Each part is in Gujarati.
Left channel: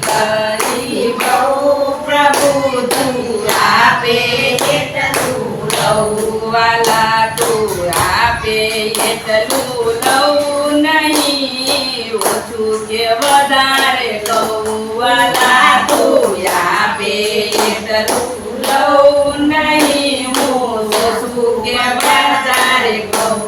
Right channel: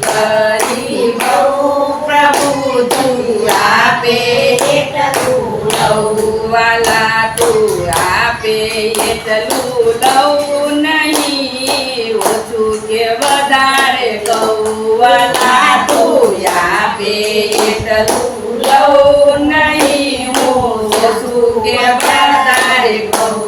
કરી બહુ પ્રભુ તું આપે એટલું લઉં વાલા તું આપે એટલું લઉં નહીં ઓછું કે વધારે કહું વાલા તું આપે એટલું લઉં નહીં હું ઓછું કે વધારે કહું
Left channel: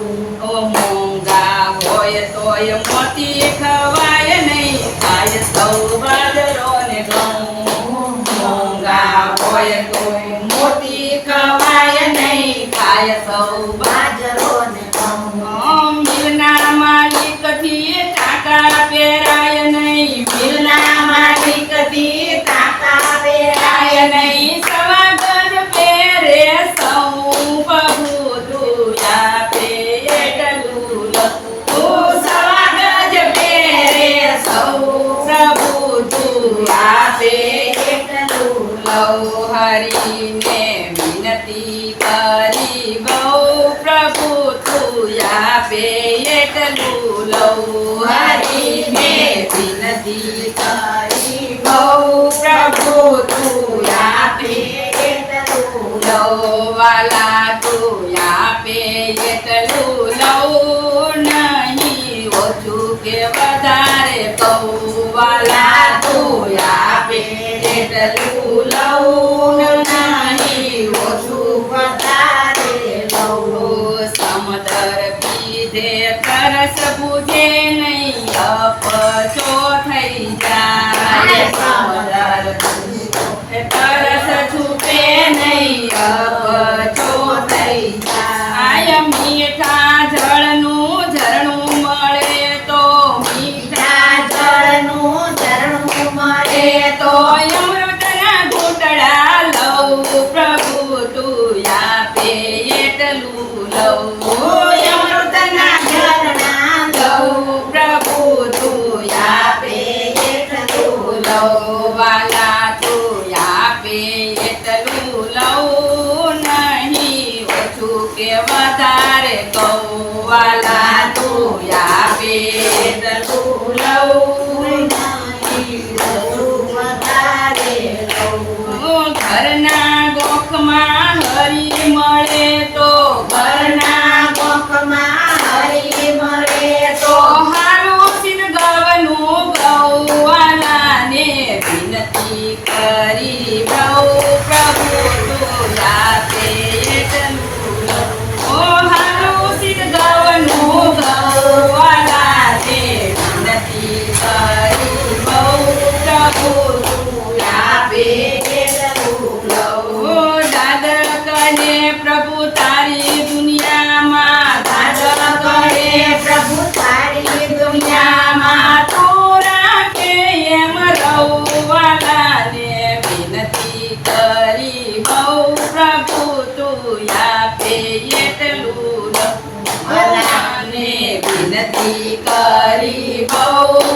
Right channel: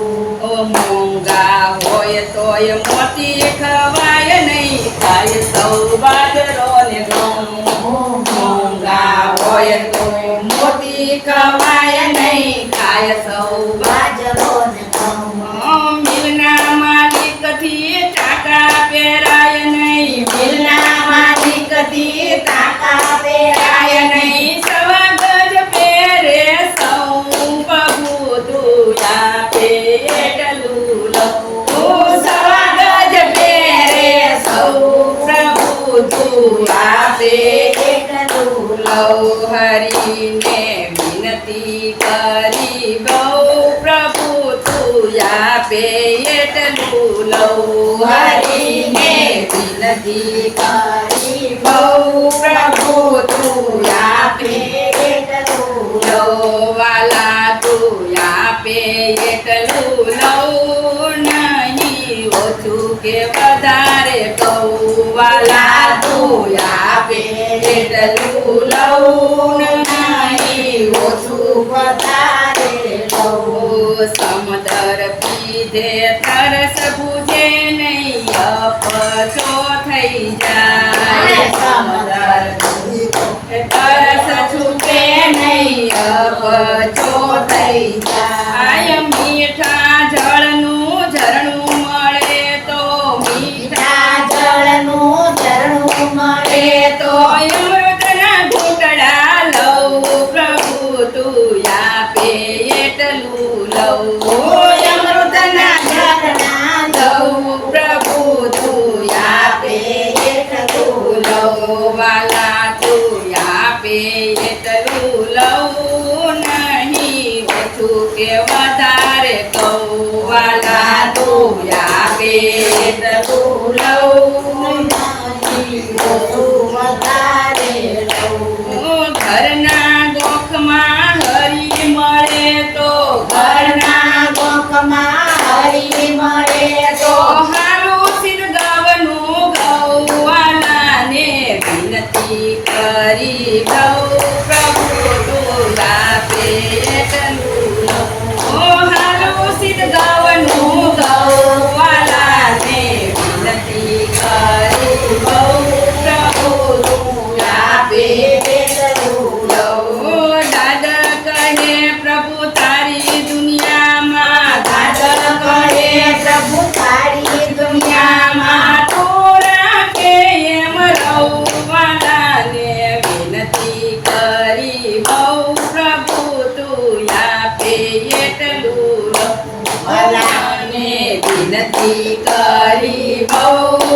ઓ મોંઘા હોય તોય મોતી ખવાય નહીં ખાય સૌ બાજરો ને ઘઉં મોંઘા હોય તોય મોતી ખવાય નહીં ખાય સૌ બાજરો ને ઘઉં મિલના માલિકથી ટાકા પહેરાય નહીં મિલના માલિકથી ટાકા પહેરાય નહીં સવા ગજ પહેરે સૌ પ્રભુ તું આપે એટલું લખું સવા ગજ પહેરે સૌ પ્રભુ તું આપે એટલું લઉં હરીને વિનતી કરી બહુ પ્રભુ તું આપે એટલું લઉં હરીને વિનતી કરી બહુ પ્રભુ તું આપે એટલું લઉં વાલા તું આપે એટલું લઉં નહીં ઓછું કે વધારે કહું વાલા તું આપે એટલું લઉં નહીં ઓછું વધારે લઉં સમદર પીધે તરસ બુਝે નહીં અપચો થઈ જાય સમદર તરસ છૂટે નહીં અપચો થઈ જાય મીઠા જળનું ઝરણું મળે તો મીઠા જળનું ઝરણું મળે તો અમૃતના ઘૂંટડા લઉં પ્રભુ તું આપે એટલું લઉં અમૃતના ઝરણા લઉં પ્રભુ તું આપે એટલું લઉં વાલા તું આપે એટલું લઉં નહીં ઓછું કે વધારે કહું વાલા તું આપે એટલું લઉં નહીં ઓછું વધારે લઉં ઘરના ગોખમાં હરી મળે તો ઘરના ગોખમાં હરી મળે તો હારું સિર ગવનું ગૌવાલાને વિનતી કરી બહુ પ્રભુ તું આપે એટલું ઓ હારું સિર ગવનું ગૌવાલાને વિનતી કરી બહુ પ્રભુ તું આપે એટલું લઉં દાદા કહે પ્રભુ તારી દુનિયામાં દાદા કહે પ્રભુ તારી દુનિયામાં તું રાખે એમ રહું વાલાને વિનતી કરી બહુ પ્રભુ તું આપે એટલું વાલાને વિનતી કરી બહુ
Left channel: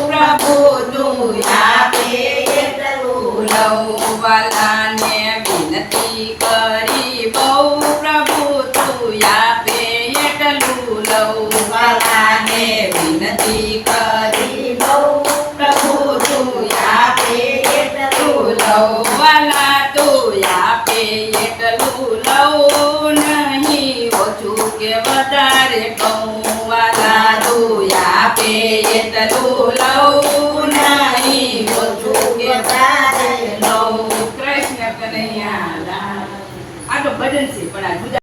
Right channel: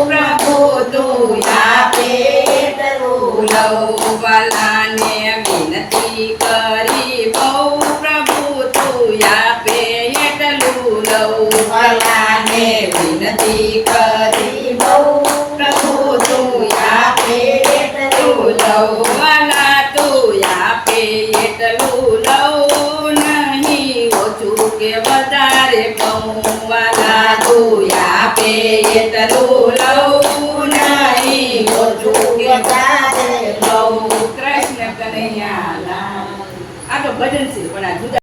પ્રભુ તું આપે એટલું લઉં વાલાને વિનતી કરી બહુ પ્રભુ તું આપે એટલું લઉં વાલાને વિનતી કરી બહુ પ્રભુ તું આપે એટલું લઉં વાલા તું આપે એટલું લઉં નહીં ઓછું કે વધારે કહું વાલા તું આપે એટલું લઉં નહીં ઓછું કે વધારે લઉં કૃષ્ણ કનૈયા લાલ આ તો ભજન છે પણ આ જુદા